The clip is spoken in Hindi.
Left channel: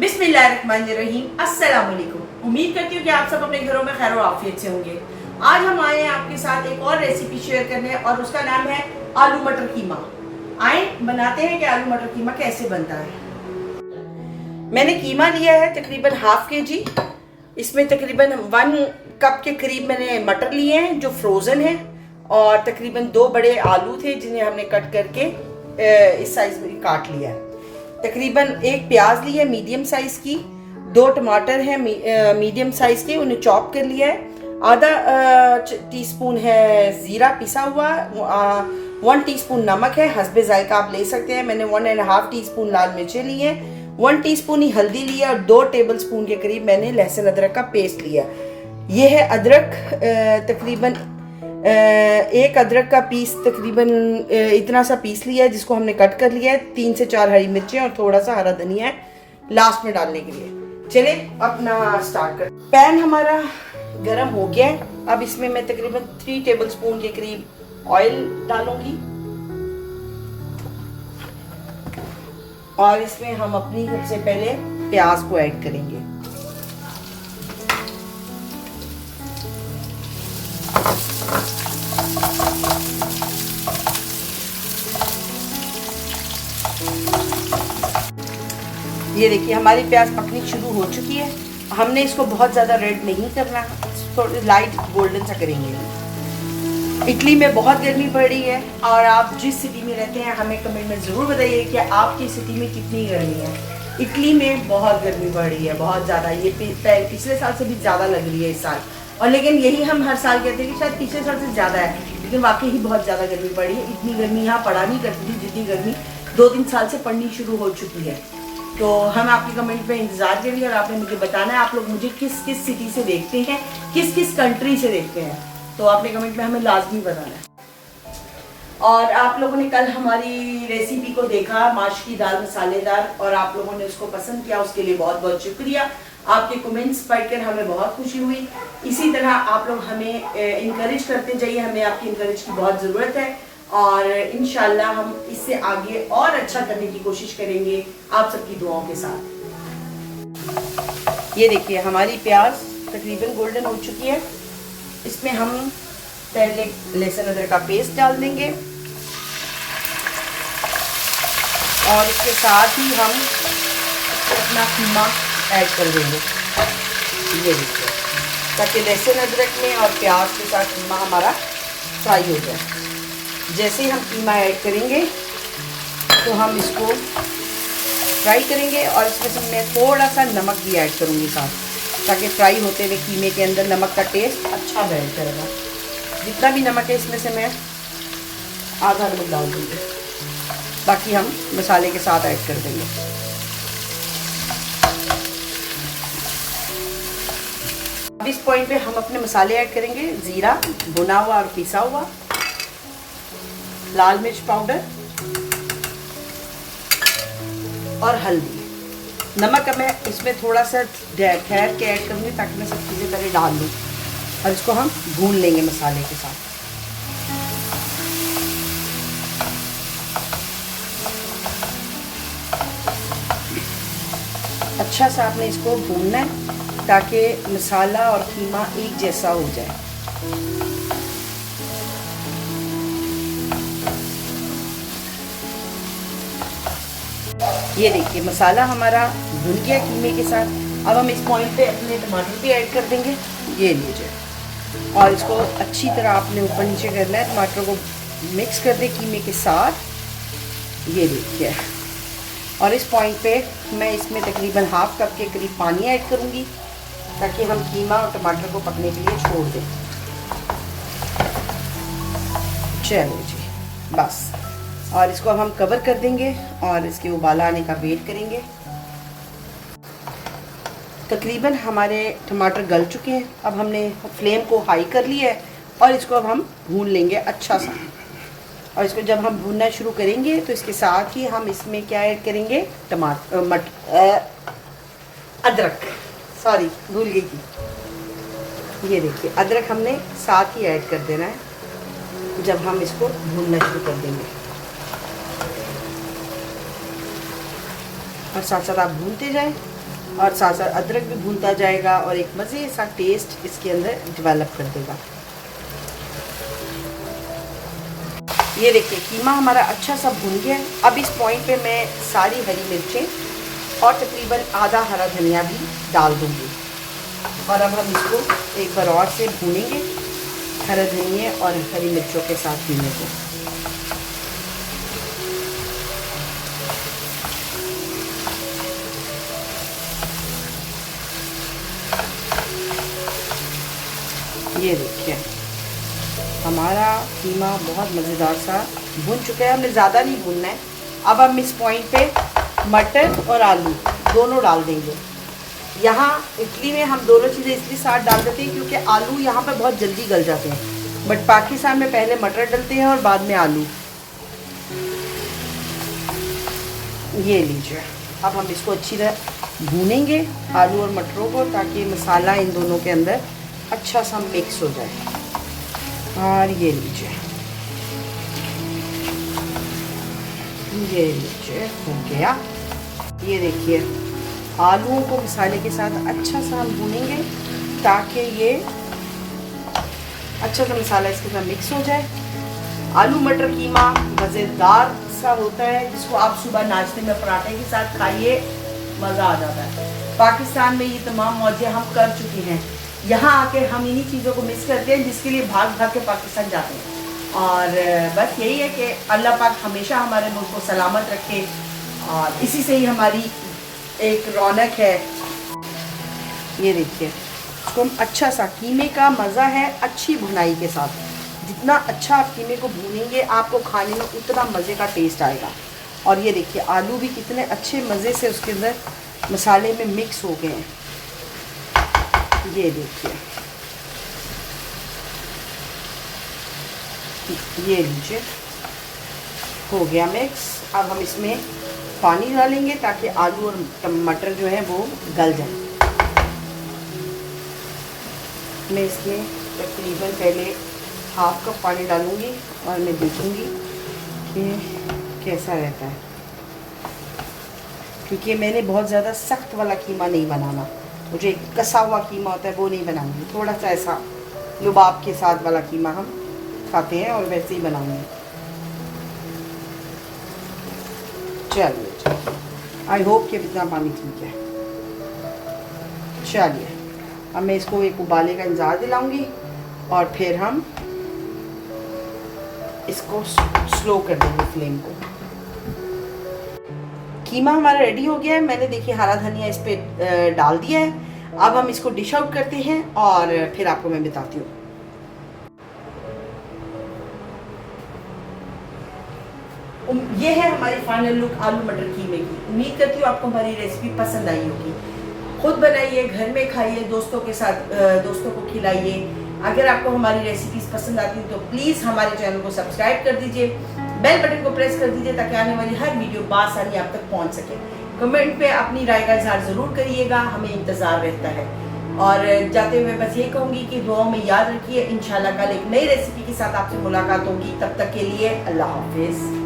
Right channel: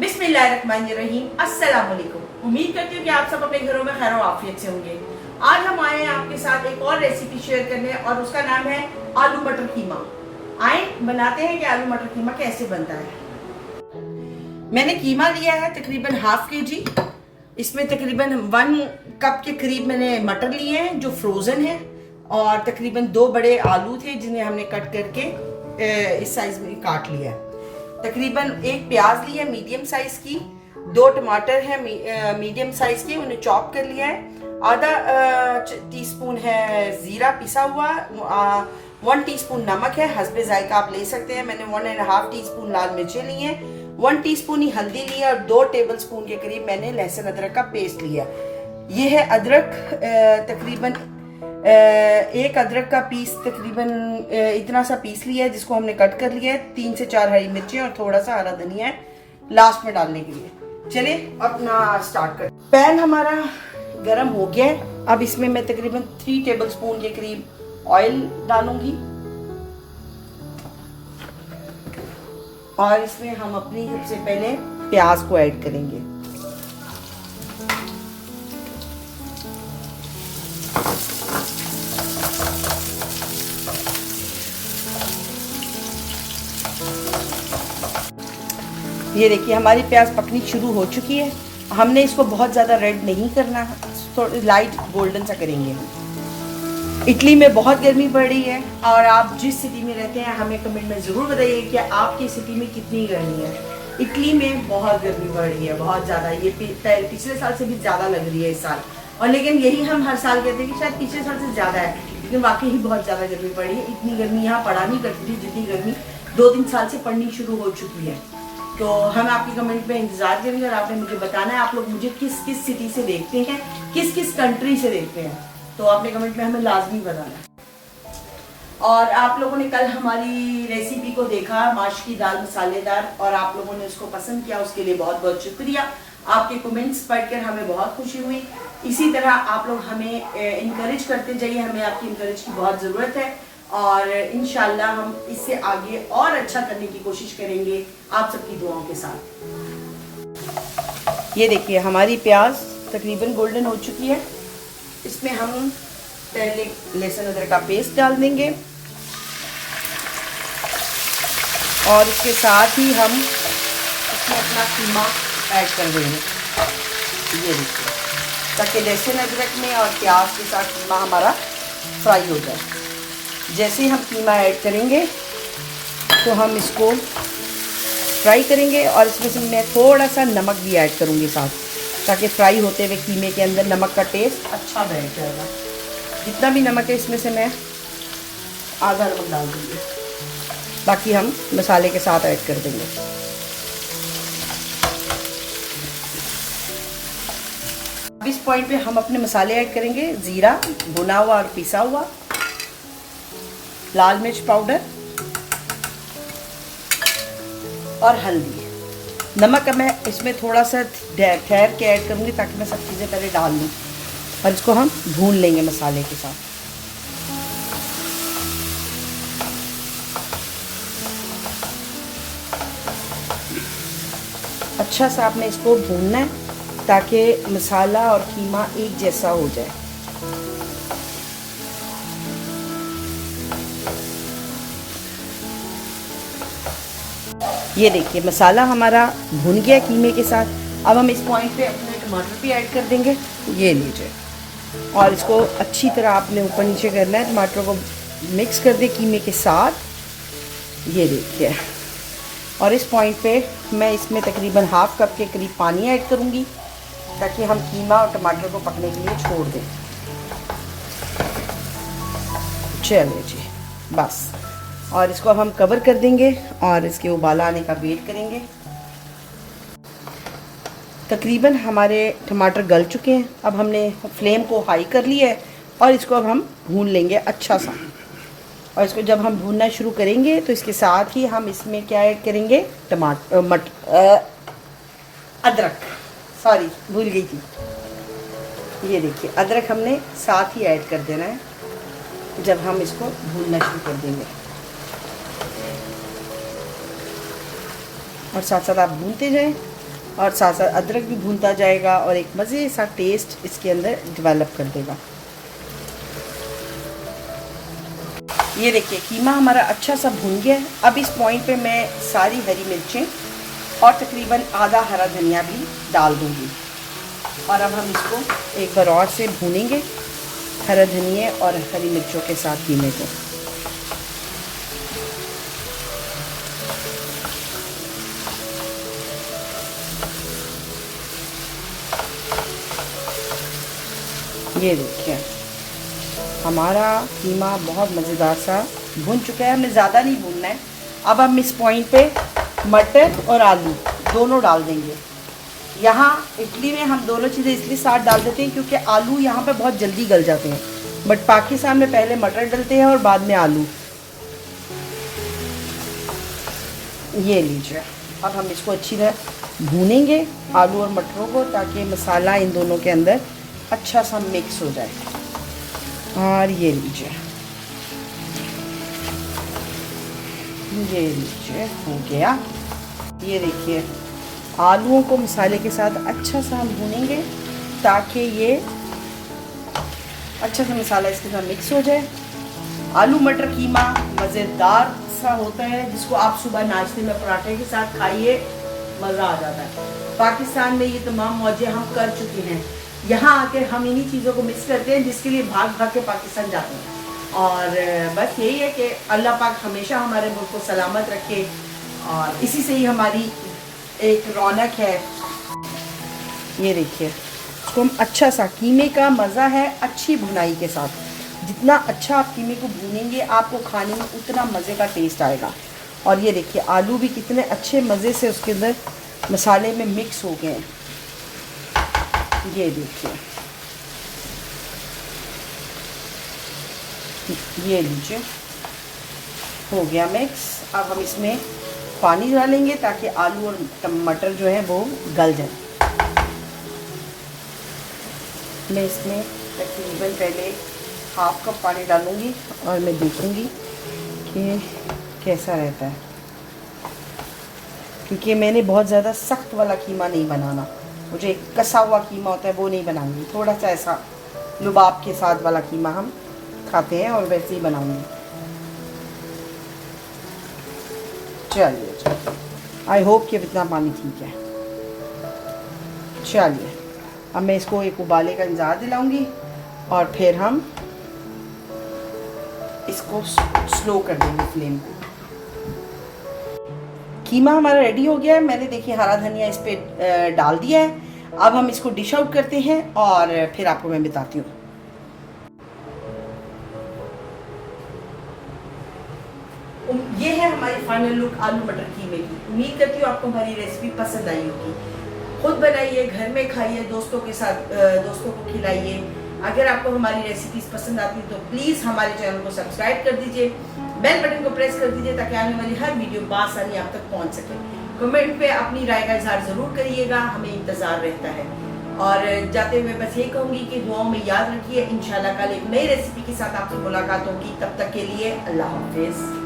बिस्मिल्लाहिर्रहमानिर्रहीम। अस्सलाम वालेकुम। उम्मीद करती हूँ कि आप सब अपने घरों में खैर और आफियत से होंगे। आज हम आए हैं आपके साथ एक और रेसिपी शेयर करने और उसका नाम है आलू मटर कीमा। आए बनाते हैं कि आलू मटर कीमा कैसे बनता है। मैंने कीमा लिया है तकरीबन हाफ केजी। इसमें तकरीबन 1 कप के करीब मैंने मटर लिए हैं जो फ्रोजन है, और तकरीबन 2 बड़े आलू थे जिन्हें हमने कट करके इस साइज में काट लिया है। तकरीबन 1 प्याज लिया मीडियम साइज की, 2 टमाटर हैं मीडियम साइज के, उन्हें चॉप कर लिया है। आधा टीस्पून है जीरा पिसा हुआ, 1 टीस्पून नमक है, हस्बे जायका आप ले सकते हैं। मैंने 1.5 टीस्पून लाल मिर्चें ली हैं, 1 टीस्पून ही हल्दी लिया, और 2 टेबलस्पून के करीब मैंने लहसुन अदरक का पेस्ट लिया। ये है अदरक, तकरीबन एक अदरक का पीस तकरीबन इतना सा पीस लिया है जिसको हमने कट कर लिया है। 3 से 4 हरी मिर्चें और थोड़ा सा हरा धनिया है लास्ट में डालने के लिए। चले अपना स्टार्ट कर। पैन हमारा गरम हो गया है। अब इसमें मैं तकरीबन 3 टेबलस्पून के करीब ऑयल डालूंगी, और इसमें हम अपनी सबसे पहले प्याज को ऐड करेंगे। ये देखिए हमारी प्याज पकनी शुरू हो चुकी है। हमने इसको बहुत ज़्यादा रेड नहीं करना, थोड़ी लाइट गोल्डन सा करेंगे। इटली में बहुत गर्मी पड़ रही है, और आप जिस सिटी में रहते हैं हमें कमेंट में ज़रूर बताइए कि आपकी सिटी में कितनी गर्मी है। इटली में बहुत गर्मी पड़ रही है, बहुत ज़्यादा। ये पिछले साल से भी ज़्यादा लग रही है इस साल, और लेकिन यही हम हर साल कहते हैं कि शायद पिछले साल से ज़्यादा है, लेकिन वाकई ही बहुत ज़्यादा गर्मी पड़ रही है। इतनी गर्मी यहाँ पड़ा नहीं करती थी जितनी गर्मी 2-3 साल से पड़नी शुरू हो चुकी है। तो हम आपके कमेंट में इंतजार करेंगे, और आपने मुझे बताना है आप लोग मुझे किस किस सिटी से देखते हैं, किस किस कंट्री से देखते हैं, तो आपने कमेंट में हमें लाजमी बताना है। और आप लोगों ने कल हमारी रेसिपी को देखा, माश की दाल मसालेदार, और आप लोगों ने उसको पसंद किया, उसके लिए बहुत बहुत शुक्रिया। आपके कमेंट्स पढ़कर हमें बहुत खुशी हुई। इसी तरह आप लोग हमें इंकरेज करते जाइए, हमें आपकी इंकरेज की बहुत ज़रूरत है, और इंशाल्लाह हम इससे आगे और अच्छा करने की कोशिश करेंगे आप सबकी दुआओं के साथ। ये देखिए हमारी प्याज तकरीबन गोल्डन हो चुकी है। इसमें हम पहले लहसुन अदरक का पेस्ट डाल देंगे, और इसके साथ ही हम अपना कीमा ऐड कर देंगे। ये देखिए, ताकि लहसुन अदरक में और प्याज के साथ कीमा हमारा फ्राई हो जाए। जैसे ही हम कीमा ऐड करेंगे तो हम इसको फ्राई करेंगे, और इसमें से मैं थोड़ा सा नमक भी ऐड करूँगी साथ, ताकि फ्राई होते हुए कीमे के अंदर नमक का टेस्ट अच्छा बैठ जाएगा। जितना भी नमक है इसमें से मैं आधा नमक डाल दूँगी, बाकी हम मसाले के साथ ऐड कर देंगे। अब इस पॉइंट पे हम अपने मसाले ऐड करेंगे। ज़ीरा भुना हुआ और पिसा हुआ, लाल मिर्च पाउडर और हल्दी। नमक मैं इसमें थोड़ा सा ठहर के ऐड करूँगी ताकि मैं सब चीज़ें पहले डाल दूँ, और इसको हम भून लेंगे मसाले के साथ। अच्छा सा आपने इसको भूनना है ताकि मसाला और कीमा एक जैसा हो जाए। ये देखिए मसाला हमारा भुन गया कीमे के साथ। अब हम इस पॉइंट पे अपने टमाटर भी ऐड कर देंगे। ये लीजिए, और इसको अच्छी तरह आपने ऊपर नीचे करना है। टमाटर को मिक्स कर दे कीमे के साथ। ये देखिए, और इस पॉइंट पे मैं इसमें तकरीबन हाफ कप के करीब पानी ऐड करूँगी ताकि हम कीमा और टमाटर को पकने के लिए छोड़ दें। चलिए जी, बस, और इसको हम कवर कर देंगे और इसके उबाला आने का वेट करेंगे। तकरीबन हमारे टमाटर गल चुके हैं। अब हमने फ्लेम को हाई कर लिया है, और इसको अब हम भून लेंगे अच्छा सा। और इसको जब हम भूनना शुरू करेंगे तो इसके साथ ही हम इसमें क्या ऐड करेंगे, अदरक, सॉरी भूल गई थी। ये देखिए अदरक हमने साथ ही ऐड कर देना है जब हम इसको भूनना शुरू कर देंगे। और साथ साथ आप भूनते जाएं और साथ साथ अदरक भी भूनता जाएगा और एक मज़े सा टेस्ट इसके अंदर डेवलप कर देगा। ये देखिए कीमा हमारा अच्छा सा भून गया है। अब इस पॉइंट पे मैं सारी हरी मिर्चें और तकरीबन आधा हरा धनिया भी डाल दूँगी और अब हम इसको एक बार और से भूनेंगे हरा धनिया और हरी मिर्चों के साथ कीमे को। ये देखिए हमारा कीमा बहुत मज़ेदार सा भुन चुका है, हमें ज़्यादा नहीं भूनना है। अब हम इस पॉइंट पे मटर और आलू दोनों डाल देंगे। यहाँ इटली में हम दोनों चीज़ें इसलिए साथ डाल देते हैं क्योंकि आलू यहाँ पर बहुत जल्दी गल जाते हैं, बट पाकिस्तान में पहले मटर डलते हैं और बाद में आलू। ये लीजिए अब हम इसको अच्छी तरह भूनेंगे आलू और मटरों को, ताकि मसाला इन दोनों के अंदर अच्छा सा मिक्स हो जाए। और ये लीजिए हो गया। ये देखिए आलूओं को मसाले के साथ अच्छा सा हम भूनेंगे ताकि ये अच्छा सा मसाला इसके साथ मिक्स हो जाए। आलू मटर कीमा मज़ेदार सा होता है, जिसको आप सुबह नाश्ते में पराठे के साथ खाइए, मज़ा आ जाता है। पाकिस्तान में ये तमाम मौजें हम कर चुके हैं, यहाँ आके हम इन्हीं चीज़ों को मिस करते हैं जिसके लिए भाग भाग के पाकिस्तान जाते हैं। और बस यही है कि अल्लाह पाक हमेशा हमारे मुल्क को सलामत रखे और इसी से ही हमारी एक रौनक है। ये देखिए इसको हम अच्छा सा, कीमे का मज़ा है अच्छी भुनाई के साथ। जितना अच्छा आप कीमे को भूनेंगे आपको खाने में उतना मज़े का टेस्ट आएगा। और ये देखिए आलू भी कितने अच्छे मज़े से उसके अंदर मसाले में मिक्स हो गए हैं। ये देखिए ये लीजिए हो गया मिक्स। अब हम इसमें पानी डालेंगे ताकि आलू और टमाटर जो है वो गल जाए। मैं इसमें तकरीबन पहले हाफ कप पानी डालूंगी और मैं देखूंगी कि कैसा रहता है, क्योंकि मैंने बहुत ज़्यादा सख्त वाला कीमा नहीं बनाना। मुझे कसा हुआ कीमा होता है वो नहीं बनाऊंगी, थोड़ा सा ऐसा लुबाब के साथ वाला कीमा हम खाते हैं और वैसे ही बनाऊंगी। चलिए आई होप कि इतना पानी ठीक है। चलिए अब मैं इसको एक उबाले का इंतज़ार दिलाऊंगी और फिर हम इसको स्लो कर देंगे फ्लेम को। कीमा हमारा रेडी हो गया है। मैंने देखिए हरा धनिया इस पे डाल दिया है। अब हम इसको डिश आउट करते हैं और फिर आपको मैं बताती हूँ। ये है हमारी फाइनल लुक आलू मटर कीमे की। उम्मीद करती हूँ आपको हमारी रेसिपी पसंद आई होगी। खुद बनाइए, घर में खाइए, दोस्तों के साथ दोस्तों को खिलाइए। अगर आपको हमारी रेसिपीज पसंद आती है तो प्लीज़ हमारे चैनल को सब्सक्राइब कर दीजिए, बेल बटन को प्रेस कर दीजिए ताकि आने वाली हर वीडियो बआसानी आप तक पहुंच सके। कमेंट पे अपनी राय का इजहार ज़रूर करिएगा, हमें इंतज़ार रहता है। और जाते हुए बस ये कहूँगी कि दुआओं में याद रखिए। इंशाल्लाह कल एक नई रेसिपी के साथ आपसे मुलाकात होगी। तब तक के लिए अल्लाह हाफिज़।